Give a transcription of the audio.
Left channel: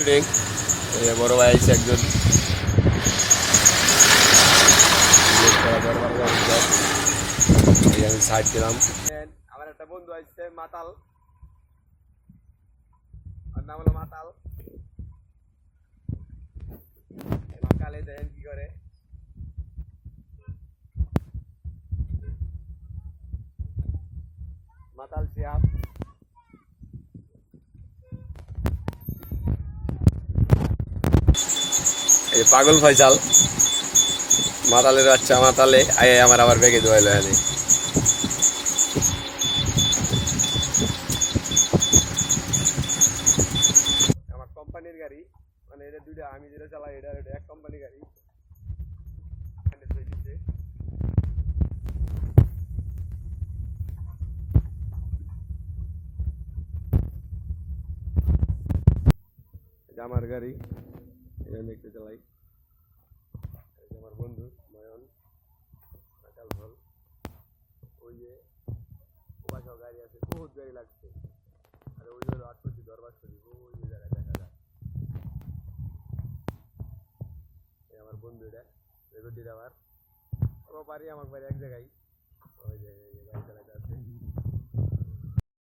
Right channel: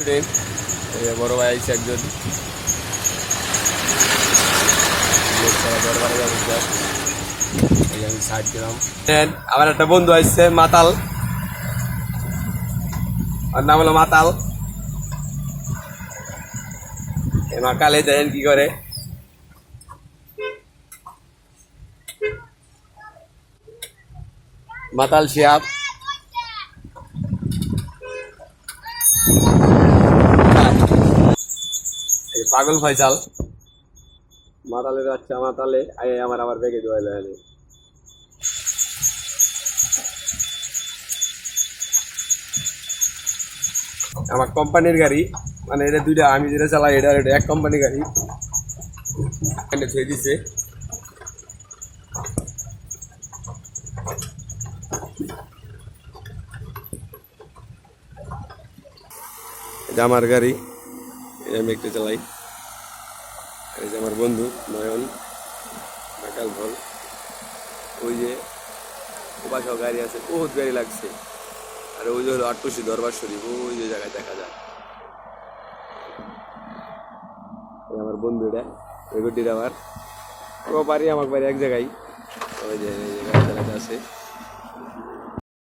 Student বড় ভাই আইছে একজন আমি সাইড দিলাম। আমার একটা বন্ধু আসছে মাতাল, ওর নাম হলো মাতাল। মাকালে দেখেন কি করে, মাতাল শিয়াব। এই পাগল ফয়সাল মাতালের বাচ্চা, মাতালে আয় আমার আবার বেগে দোয়াইল। আমার কোম্পানির গাড়ি, মানে এটা দুইটা, আমি যেটা চালাই এটা এক কোম্পানির গাড়ি ধুয়ে দিছে। এটা আমার গাড়ি, আমি একটু চালাই। এই যে আমার বন্ধু নয়ন নাকাল ভল, ওই যে ওপাশেও গাড়ি আছে, বহুত গাড়ি লাগছে। আর ওই যে হলো আটটুসি দরবার শরীফ, ওই যে জায়গায় দেখা যায়। আমার বন্ধু এটা ওই গড্ডির, আমার ও বাড়ি আমার বাড়ি এক জায়গায়। ওই যে গাড়ি চালাতে আছে।